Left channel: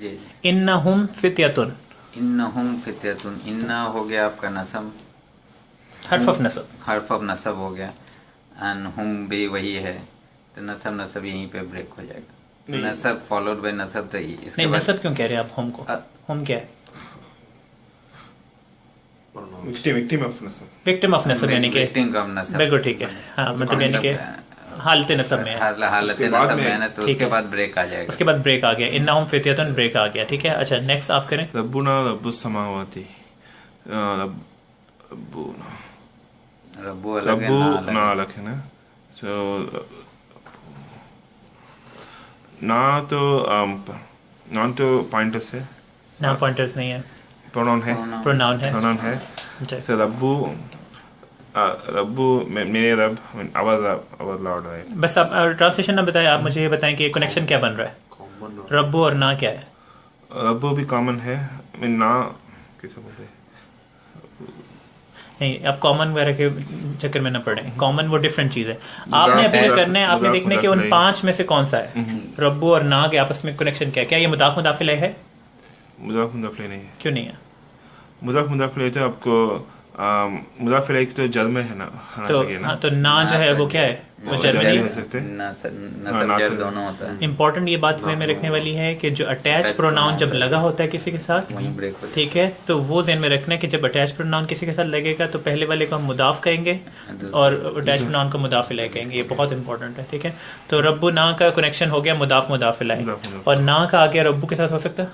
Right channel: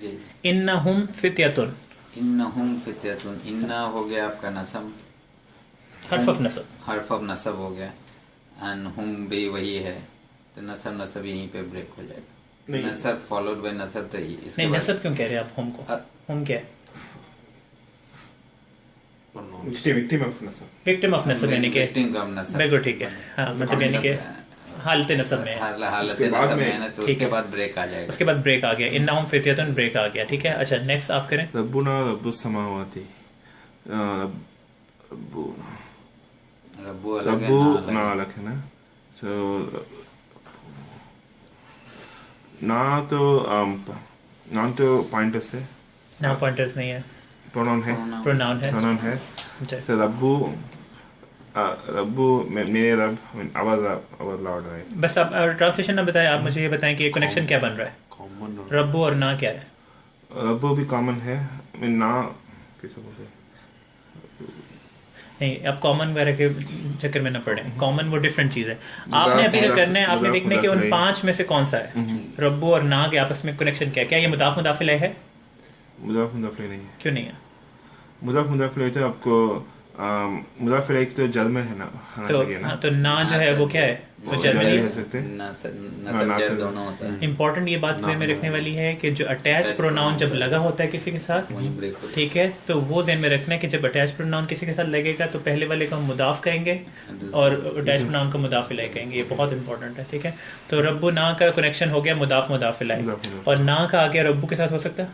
जी। इन्नहुम फित्यतुन, इन्नहुम फित्यतुन, इन्ना हो गया आपका नसब, हर्फ ऑफ नसब। हर्फ ऑफ नसब हो गया, एंड हुम बे वही है, तो नसब नसब यहीं पे ब्रेक हो जाएगा। नहीं। नसब फॉलोड बाय नसब, तो इसके नहीं, बाद नसब क्यों कह रहे हैं आप हम को? हम क्या है? विक्टिम ऑफ नसब। विक्टिम ऑफ नसब यानी कि victim का नसब। बिल्कुल ठीक है। हाँ, मतलब यानी कि हालत नसब में है। हालत उसके बाद नसब में- में है ना, तो ठीक उसके है। बाद ब्रेक आ जाएगा। उसके बाद ब्रेक आ गया, इन्नहुम फित्यतुन ब्रेक आ गया। ठीक है, अच्छा नेक्स्ट आप करें। रब्बुना रब्बुस समावाती, रब्बुना रब्बू अलग है, रब्बु ना अलग ना है। अलग है ना। सो ना तो नॉन तो पॉइंटर्स है, ना पॉइंटर्स नहीं है, प्रोनाउन है, Pronoun। प्रोनाउन है। प्रोनाउन है। अच्छा, सो रब्बु रब्बु मेरे रब, आवर लॉर्ड, राइट। बस आप ट्रांसलेशन ना बताएं, आप मुझे ये बताएं कि कनेक्शन क्या बन रहा है। रब्बू और ना क्या है? रब्बु भी कॉमन है, ना कैसे बोलते हैं? नहीं, आप कॉमन वगैरह के चक्कर में ना पड़े। कॉमन वो डिफरेंट चीज है। आपने अभी क्या करना है, आपने देखना है कि उन पांच में से कौन सा है। रब्बू और ना के आपस में कनेक्शन क्या है? क्या ये मुदाफ मुदाफिल है? मुदाफ मुदाफ नहीं है। क्यों नहीं है? मुदाफ मुदाफ तो आपको मुदाफ एक तो जद में है ना, होना तो चाहिए ना। हाँ, तो ना जो है वो क्या है? वो जर में जद नहीं हो है। सकते हैं। नसब ना जर तो- दोनों होता है, इंपॉर्टेंट ये बात ध्यान में रखने वाली है कि जो अटैच प्रोनाउन जब लगा होता है किसी के साथ, वहीं ब्रेक होता है। ठीक है, तो वो ध्यान में रखना है कि जब अटैच प्रोनाउन किसी के साथ लगेगा तो पहले वाले को हम मुदाफ कहेंगे और अटैच प्रोनाउन को मुदाफिला कहेंगे। ये बहुत इंपॉर्टेंट है, ठीक है। तो रब्बू ना का कनेक्शन हो गया मुदाफ मुदाफिला है, मुदाफ मुदाफ। और ना का आगे रब्बू के साथ हो सकता है।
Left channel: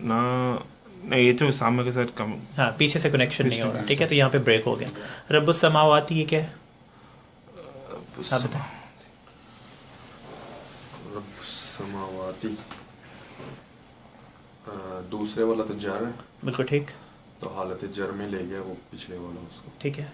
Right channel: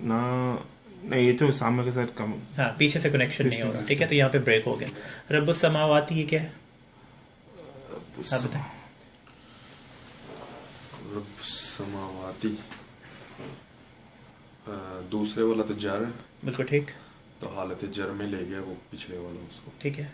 ना नहीं, ये तो सामने के साथ कम। हाँ, पीछे से कनेक्शन नहीं होगा, ठीक है। तो यहाँ पे ब्रेक हो गया। रब्बु समावाती ये क्या है? आप बताएं। समावाती, दूसरे वाला तो जर है, बिल्कुल ठीक, तो हालत जर में ले गया वो पिछले वाला उसको। ठीक है।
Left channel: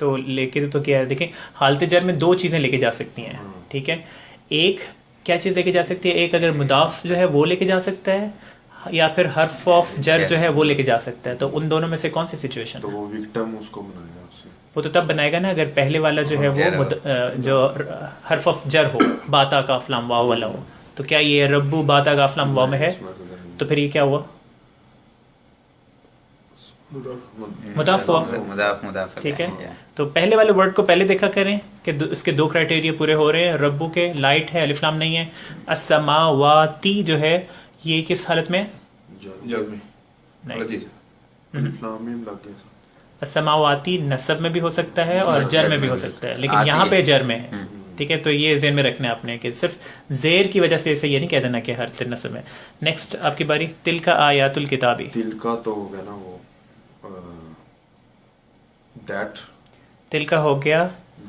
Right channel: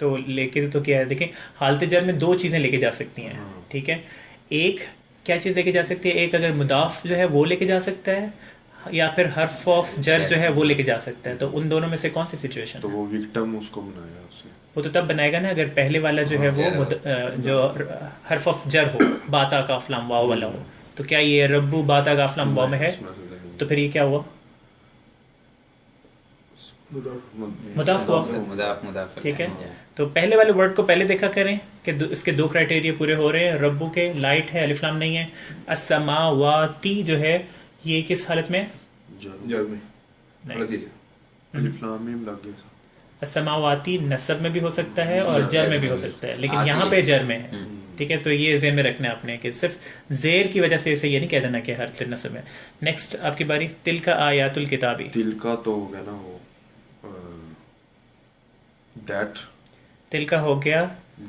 तो लेके तो क्या है, देखें, हालत जर में दो चीजें लेके जा सकती हैं, ठीक है। एक क्या चीज लेके जा सकती है? एक अगर मुदाफ जो है वो लेके जा सकता है, या फिर हर्फ ऑफ जर जो है वो लेके जा सकता है। तो उन दोनों में से कौन सी सिचुएशन? तो वो विक्टिम उसको बनाया उससे। वो तो तब बनाएगा ना अगर पहले वाला जो है वो जर हो। जो हर्फ ऑफ जर हो, बाता का अफलाम वाव वाला हो। तो क्या ये रब्बू बाता का अफलाम वाव में है? उसमें से जर तो फिर ये क्या हुआ? मुदाफ हुआ। मुदाफ मुदाफ, ठीक है। तो पहले वाले वर्ड को पहले देखा करें कि इसके दो क्राइटेरिया पूरे हो रहे हैं। रब्बू के लाइट है, अलिफ्लाम नहीं है। अस्समावाती जो है ये किस हालत में? जद में नहीं। अलग चीज है। अलिफ्लाम में लग गया। अस्समावाती नसब में भी हो सकता है और जर में भी हो सकता है, लेकिन आती यहाँ है। पे जर में है, ठीक है। तो ये जेर में रखना है आपने कि सिर्फ जेर की वजह से इसे ये नहीं कह देना कि हर तिल नसब है। नेक्स्ट आपकी बारी। तिल का आयातुल किताबी। तिल का तो हो गया ना वो, दैट तिल का हो गया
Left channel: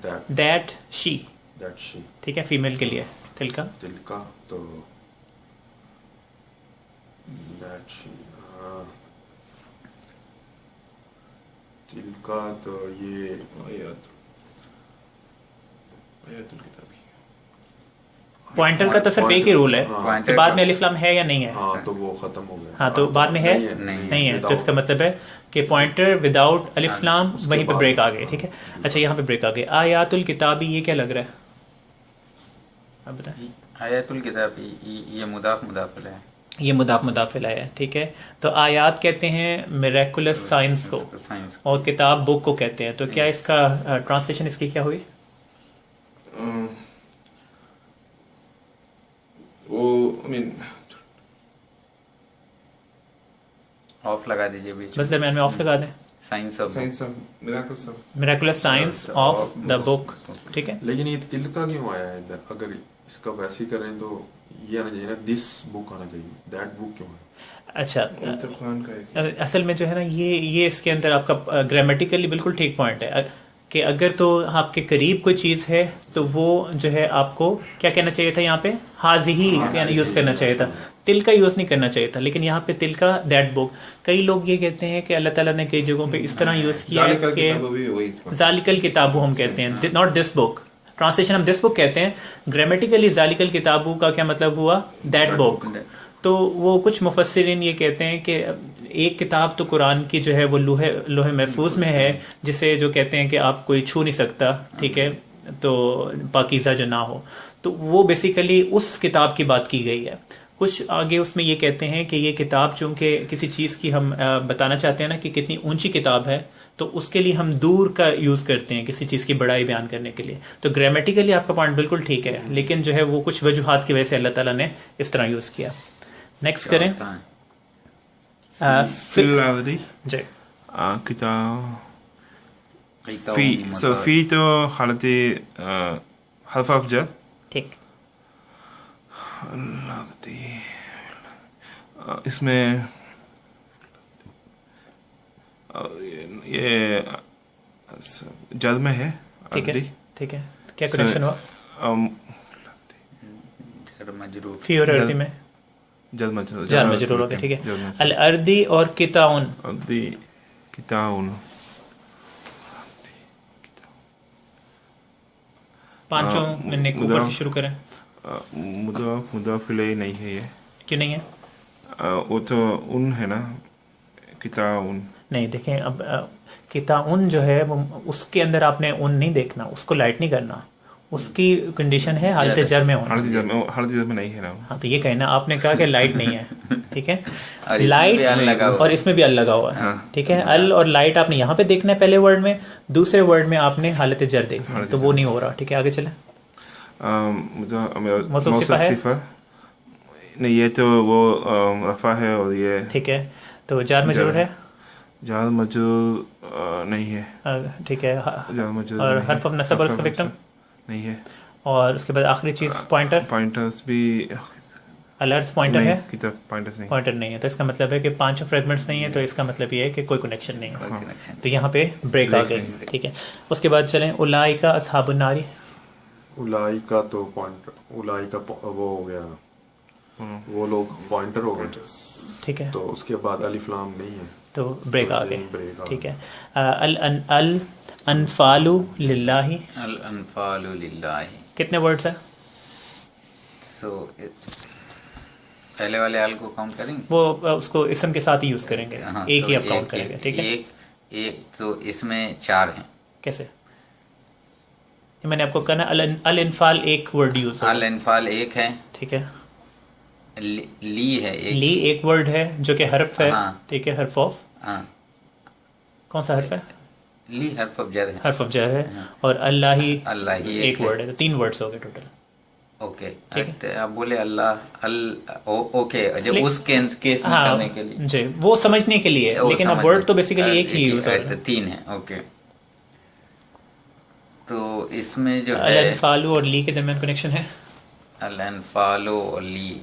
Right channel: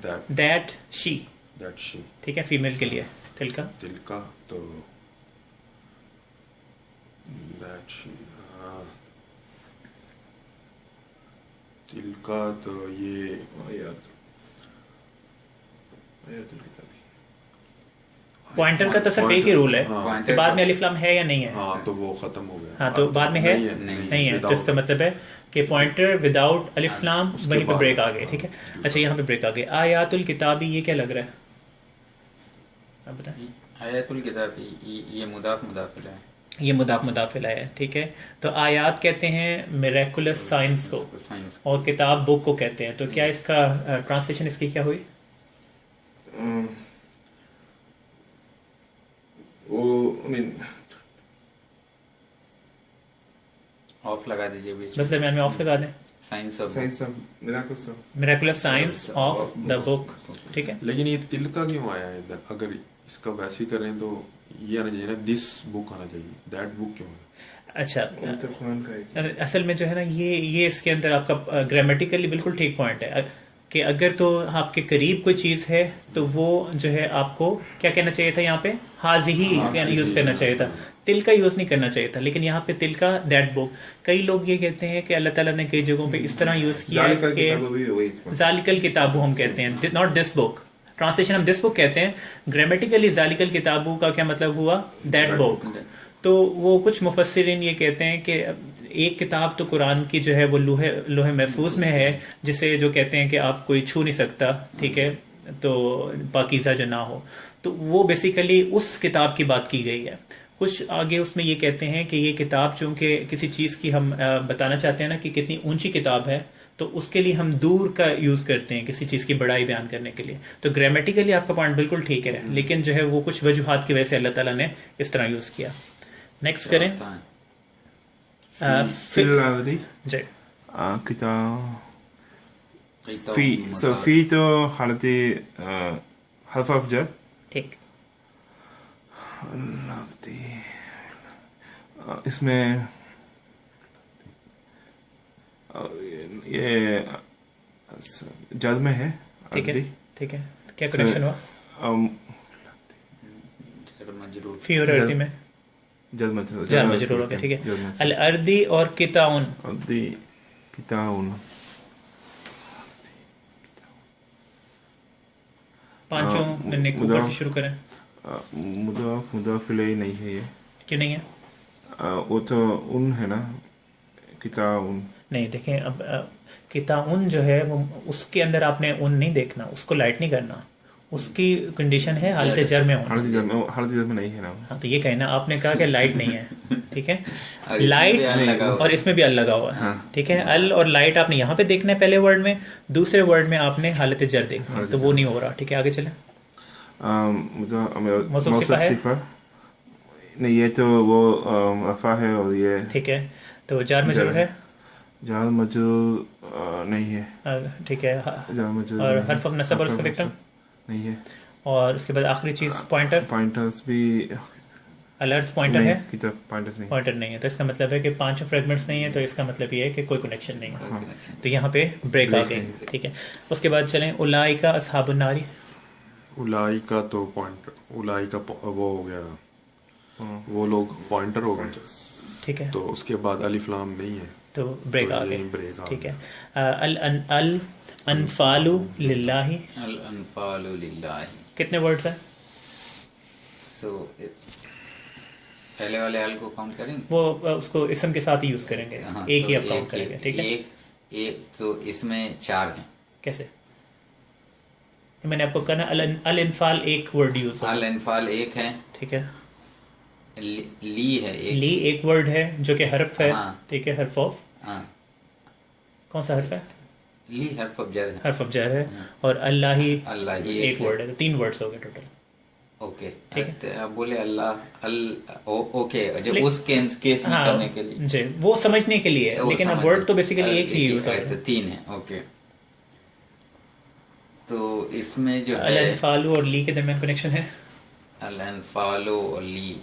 that that she, that she. ठीक है, फीमेल के लिए तिल का। तिल का तो दैट शी, तिल का तो ये आयातुल किताबी। पॉइंटर का तो सिर्फ एक ही रूल है हाँ। कि बाद में अलिफ्लाम है या नहीं है। हाँ, तो वो खत्म हो गया। हाँ, तो बाद में है नहीं है, तो इसका मतलब है कि पॉइंटर विदाउट अलिफ्लाम उसके वहीं पे बाद- ब्रेक आ गई, ठीक है। अच्छा, यहाँ पे ब्रेक आ गई। आयातुल किताबी ये क्या लग रहा है? आप बताएं। आयतुल किताब, ये मुदाफ मुदाफिल है। ये मुदाफ मुदाफिल है, ठीक है। तो आयात कहते हैं मिरेकुलस साइंस को, साइंस और किताब बुक को कहते हैं। तो क्या इसका ट्रांसलेशन इसकी क्या हुई? वो आई मीन ऑफ लगा दीजिए बीच बस दरम्यान में ऑफ लगा दें। Science of science of miracles of miraculous science of the book, ठीक है। लेकिन ये तिल का क्यों आया है इधर? अगर इसका वैसे ही करें तो ये आना चाहिए ना, दिस बुक आना चाहिए, दैट बुक क्यों है? अच्छा, कुरान का एक असल में जो है ना, ये इसके अंदर आपका ग्रामेटिकली बिल्कुल ठीक पॉइंट है कि अगर तो आपके करीब कोई चीज़ है तो वो जो है आपको क्या कहना चाहिए था? यहाँ पे हाजिही यूज़ करना चाहिए था, तिल का यूज़ नहीं करना चाहिए था। लेकिन यहाँ पे तिल का दैट बुक, कई लोग ये कहते हैं कि अल्लाह ताला ने कई जगहों पे इस तरह यूज़ किया है जालिकल कि किताब भी वही इसमें। जालिकल किताबू हम कहते हैं, नॉट दिस बुक। ट्रांसलेशन हम दिस बुक कहते हैं, ग्रामेटिकली जालिकल किताबू का क्या मतलब हुआ? That book. तो वो कुछ मुफस्सिरीन ये कहते हैं कि एक किताब तो कुरान की जो है वो लोहे महफूज में है, जिसे जो कहते हैं कि आप कोई छू नहीं सकता, ठीक है, तो पाकीज़ा जो ना हो। तो वो बेसिकली उस किताब की बात की गई है। कुछ आगे उसमें ये कहते हैं कि ये किताब चूंकि किसी चीज़ की हम बताना चाहते हैं ना कि कितनी ऊंची किताब है, तो उसके लिए हम दूर का यूज़ करते हैं किसी चीज़ की बड़ाई बयान करने के लिए। तो ग्रामेटिकली आपका पॉइंट बिल्कुल ठीक है, लेकिन जो है वो कुछ वजूहात की वजह से अल्लाह ताला ने इस तरह यूज़ किया। नेक्स्ट करें। होता है? फिल आदि जी किताब किताब फी सो मतलब- फी तो हालती हर्फ ऑफ जर ठीक। इसमें ये जद में है ठीक है अदली। ठीक है, क्या कनेक्शन हुआ जर मजरूर फी और अर्दी में? जद मजरूर जान में जरूर होगा। ठीक है। अल अर्दी और किताउन, अदली किताउन पांचों मैंने ऊपर मुदाफ- से शुरू करें। मुदाफ इलैही नहीं है ये। क्यों नहीं है? वो तो उन है ना किताउन। नहीं, देखें अब किताउन जो है वो उसके अंदर आपने उन नहीं देखना, उसको लाइट नहीं करना, उसकी कंडीशन है हालत जर में होना। हालत जर में नहीं है ना। हाँ, तो ये कहना आपने कहा कि लाइट नहीं है, ठीक है। और इसमें लाइट भी अल लगा हुआ और है। इसमें भी अल लगा हुआ है, ठीक है। अल और लाइट आपने यहाँ पे देखना है पहले वर्ड में, दूसरे वर्ड में आपने हालत जर देखना है, तो वो नहीं हो रहा। ठीक है, आगे चलें। मौसूफ सिफा है? सिफा नहीं, ये तो वो रफा है और ये ठीक है, तो जार में जरूर है? जार मजूर नहीं है। ठीक है। जार मजूर और नहीं है। हर्फ ऑफ नसब और उसका विक्टिम नहीं है। और उसके बाद आखिरी चीज पॉइंटर, पॉइंटर्स भी अलर्ट पॉइंटर नहीं, है? किताब पॉइंटर्स नहीं। पॉइंटर नहीं है, तो इसका मतलब है कि 5 फ्रेगमेंट्स नहीं है, तो इसका मतलब ये है कि कोई कनेक्शन नहीं है। हाँ। तो यहाँ पे ब्रेक आ गई। ठीक है, उसके बाद चलें उलाइका अस्हाबुन नारी। उलाई का तो पॉइंट, उलाई का वो हो गया, वो लोग पॉइंटर हो गए। ठीक है, तो उसके बाद अलिफ लाम नहीं है, तो ब्रेक तो आ यही गई। ब्रेक आ ठीक है। अल अनफालु लिल्लाही, अल अनफालु लिल्लाही। कितने वर्ड्स हैं? सो पहले वाले अल को काउंट करेंगे। वो उसको इसम के साथ ही यूज करेंगे, हाँ, एक तो ही आप काउंट करेंगे। ठीक है, एक तो इसमें 4 हैं। कैसे? ये मैंने आपको कहना अल इनफाल एक वर्ड यूज है। अल अनफाल एक है, ठीक है। ली है एक। ली एक वर्ड है जो कि हर्फ है। हाँ। ठीक है, हर्फ ऑफ, हाँ, कौन सा हर्फ है? ली हर्फ ऑफ जर है। हर्फ ऑफ जर है। और अल्लाह ही अल्लाह ही एक वर्ड है, तो 3 वर्ड्स हो गए टोटल। ओके, ठीक है। तो आप बोले अल्लाह ओके, जब ले- उस केस में करने के लिए जी, वो समझने के लिए, वो लेकिन अब समझ वर्ड में- तो बेसिकली एक ही यूज है, है। तो 3 है। ओके, तो इसमें जो अल है इनफालु और ली के दरमियान कनेक्शन है। अल अनफालो और ली,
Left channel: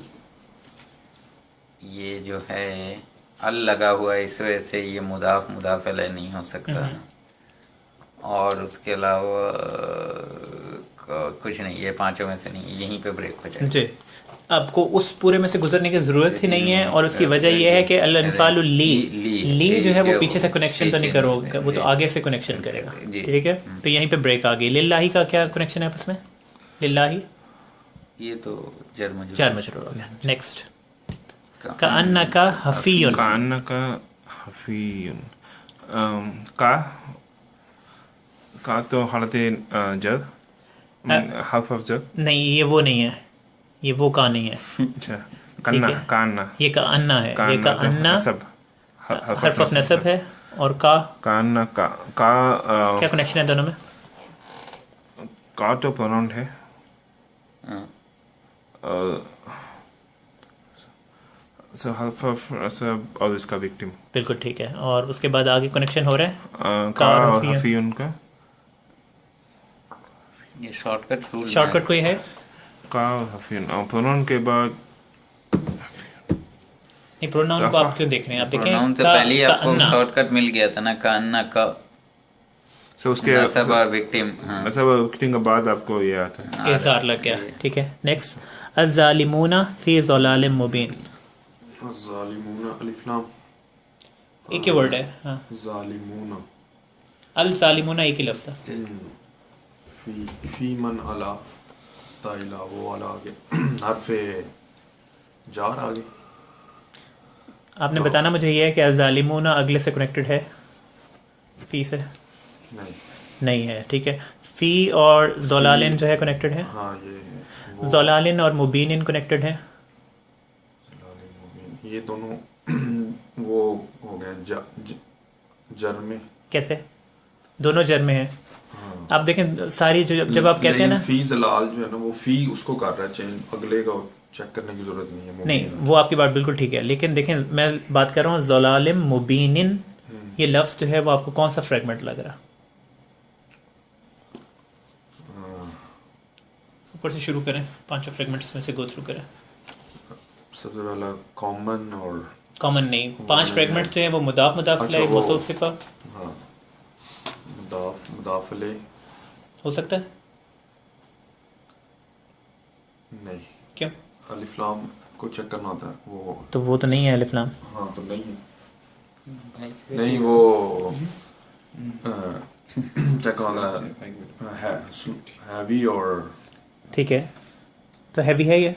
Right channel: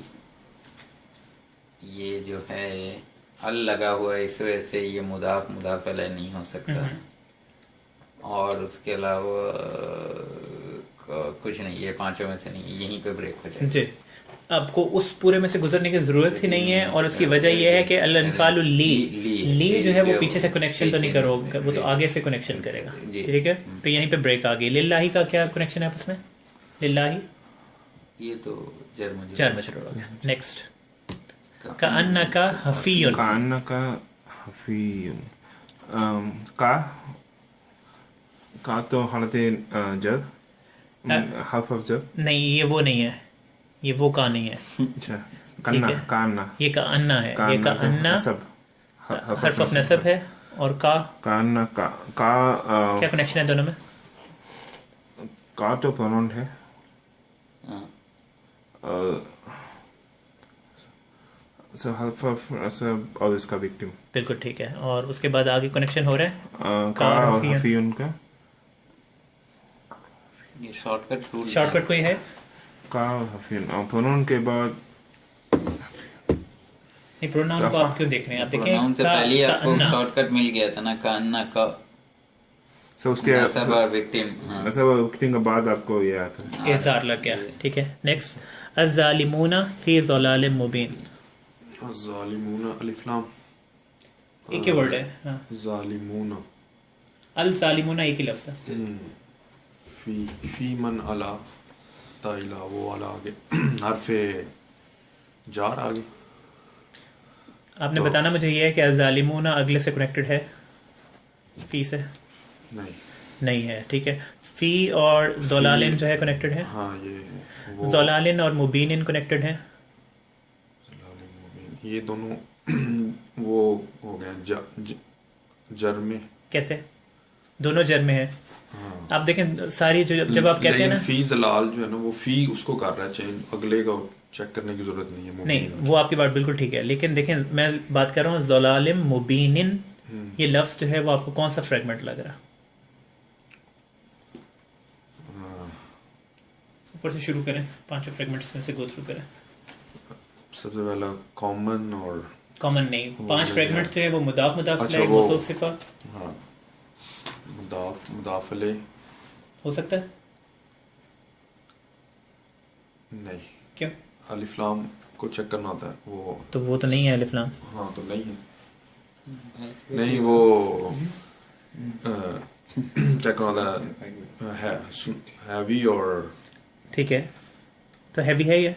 ये जो है अल लगा हुआ है, इस वजह से ये मुदाफ मुदाफ अलैह नहीं हो सकता है। और उसके अलावा कुछ नहीं, ये 5 में से नहीं, यहीं पे ब्रेक हो जाए। जी, आपको उस पूरे में से गुजरने की जरूरत ही नहीं है, और उसकी वजह यह है कि अल इनफालु ली ली जो है वो पीछे से कनेक्शन तो नहीं करोगे, वो तो आगे से कनेक्शन करेगा। जी। ठीक है, तो यहीं पे ब्रेक आ गई। लिल्लाही का क्या कनेक्शन है आपस में? लिल्लाही ये तो जर मजरूर। 4 मजरूर हो गया। नेक्स्ट, का अन्ना का हफीयुन। कान्ना का हफीयुन। का तो हालत जर हर्फ ऑफ जर। नहीं, ये वो नहीं है, ये वो का नहीं है। अच्छा, कन्ना ठीक है। कान्ना ये का अन्ना है, ये का कान्ना तो अन्ना नसब हर्फ ऑफ नसब है। और का कान्ना का क्या कनेक्शन है दोनों में? का तो प्रोनाउन है। हाँ, सो हर्फ ऑफ नसब और इसका विक्टिम। बिल्कुल ठीक है। और उसके बाद आगे कनेक्शन हो रहा है का और हफीयुन। हफीयुन का। ये शॉर्टकट रूल है। शॉर्टकट कोई है? का और हफीयुन और प्रोनाउन के बाद नहीं, प्रोनाउन को आप क्यों देख रहे हैं? आप देखें प्रोनाउन से का- पहले ही का आपको अन्ना। शॉर्टकट मिल गया था ना, का अन्ना का सो उसके नसब और विक्टिम। हाँ, नसब और विक्टिम के बाद आपको ये आता है। इज़हार लग गया। ठीक है, नेक्स्ट, अज़्ज़ालिमूना फी ज़लालिम मुबीन। ज़ालिमूना अलिफ लाम एक ही वर्ड है। हाँ, ज़ालिमूना अल ज़ालिमूना एक ही लफ्ज़ है। फी मन अला ताइला, वो अला आगे हरफे जार आगे। आपने बताना मुझे ये है कि अज़्ज़ालिमूना अगले से कनेक्टेड है फी से? नहीं, नहीं है। ठीक है, फी और ज़लालिम जो है कनेक्टेड है। हाँ ये वो ज़लालिन और मुबीनिन कनेक्टेड है। ये दोनों वो हो गए जर में। कैसे? दोनों जर में है। हाँ। आप देखें सारी जो जब आप कहते हैं ना, फी जलाल जो है ना वो फी उसको कर रहा है चेंज, अगले का चेक करने की जरूरत नहीं है। नहीं वो आपकी बात बिल्कुल ठीक है, लेकिन देखें मैं बात कर रहा हूँ ज़लालिम मुबीनिन, ये लफ्ज जो है वो आपको कौन सा फ्रेगमेंट लग रहा? ऊपर से शुरू करें, पांचों फ्रेगमेंट्स में से गो थ्रू करें। सबसे पहला कॉमन और कॉमन नहीं, पांच फ्रेगमेंट्स जो है वो मुदाफ मुदाफ अच्छा, इलैह वो- मौसूफ सिफा हाँ मुदाफले हो सकता है। नहीं, क्यों? अलिफ लाम को चेक करना होता है वो। तो वो तो नहीं है अलिफ लाम। हाँ तो नहीं है, नहीं वो चेक करना है हैवी और ठीक है, तो हैवी है ये?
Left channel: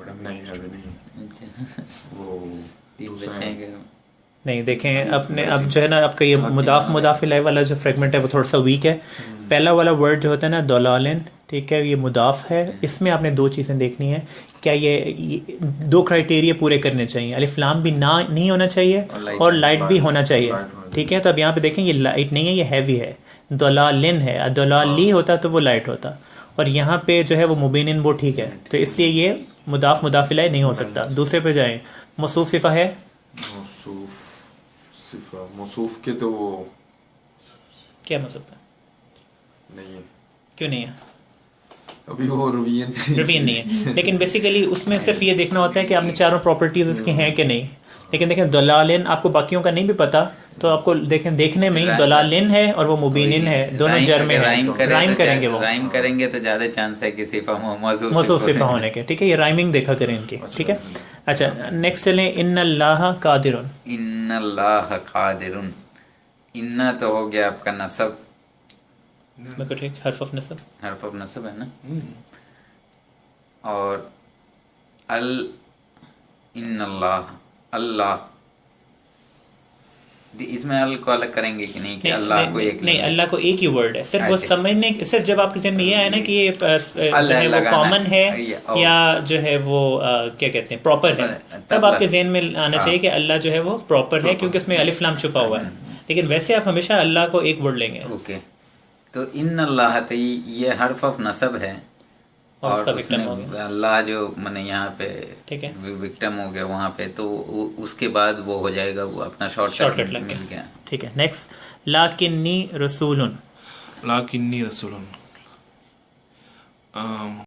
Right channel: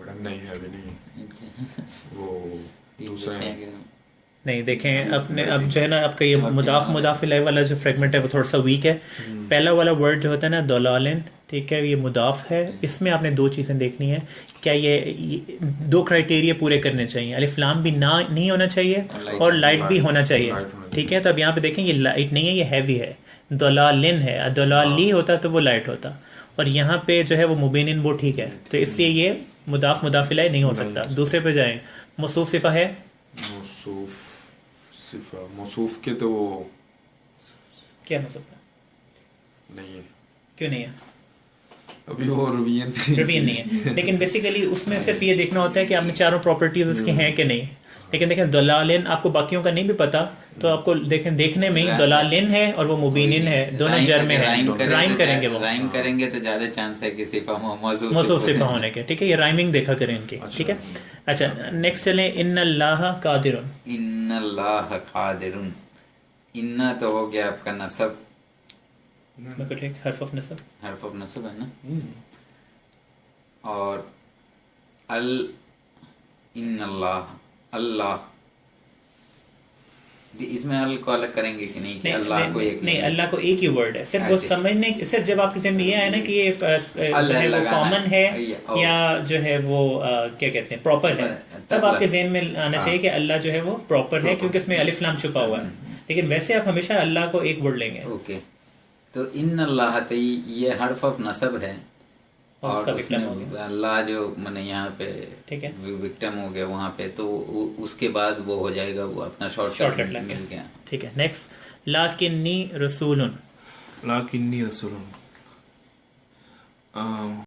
नहीं हैवी नहीं है। वो दूसरा है। नहीं देखें अपने अब जो है ना आपका ये मुदाफ मुदाफ इलैह वाला जो फ्रेगमेंट है वो थोड़ा सा वीक है। पहला वाला वर्ड जो होता है ना दलालिन, ठीक है, ये मुदाफ है। इसमें आपने दो चीज़ें देखनी है, क्या ये दो क्राइटेरिया पूरे करने चाहिए, अलिफ लाम भी ना नहीं होना चाहिए और लाइट भी होना चाहिए, ठीक है। तो अब यहाँ पे देखें ये लाइट नहीं है, ये हैवी है, दलालिन है। दलाली होता तो वो लाइट होता, और यहाँ पे जो है वो मुबीनिन वो ठीक है, तो इसलिए ये मुदाफ मुदाफ इलैह नहीं हो सकता। दूसरे पे जाएं, मौसूफ सिफा है। मौसूफ सिफा मौसूफ के तो वो क्या मौसूफ है? नहीं है, क्यों नहीं है? अभी वो रवीन रवीन नहीं है, लेकिन बेसिकली उसमें सिर्फ ये देखना होता है कि आपने चारों प्रॉपर्टीज उसकी हैं कि नहीं। लेकिन देखें दलालिन आपको बाकियों का नहीं भी पता, तो आपको देखें देखने में ही दलालिन है और वो मुबीनिन है, दोनों जर में है। राइम करेंगे वो, राइम करेंगे तो ज्यादा चांस है कि सिफा मौसूफ सिफा होने के, ठीक है। ये राइमिंग देखा करें इनकी, ठीक है। अच्छा नेक्स्ट चलें, इन्नल्लाह कादिरुन। इन्नल्लाह कादिरुन, इन्ना तो हो गया आपका नसब, बिल्कुल ठीक, हर्फ ऑफ नसब, हर्फ ऑफ नसब है ना। और अल इन्नल्लाह अल्लाह, इसमें अल को अलग करेंगे कि नहीं, कि अल्लाह को एक नहीं, अल्लाह को एक ही वर्ड है सिर्फ। वो समझने सिर्फ जब आपके ज़हन में ये आया ना कि ये जो है वो कॉमन है या जो है वो क्या कहते हैं प्रॉपर है, तब आपके जहन में आना चाहिए कि अल्लाह जो है वो प्रॉपर है, क्योंकि उसमें अलिफ लाम छुपा हुआ है। लेकिन वैसे आप हमेशा अल्लाह को एक वर्ड लेंगे। ओके, तो इन्नल्लाह तो ये हर्फ ऑफ नसब है, और उसका और विक्टिम हो उसमें अल्लाह जो मैंने यहाँ पे ठीक है, विक्टिम हो गया वहाँ पे, तो उसके बाद वो हो जाएगा, वो अपना शॉर्टकट लग मिल गया। ठीक है। नेक्स्ट, लाकिन्नी रसूलुन। लाकिन्नी रसूलुन,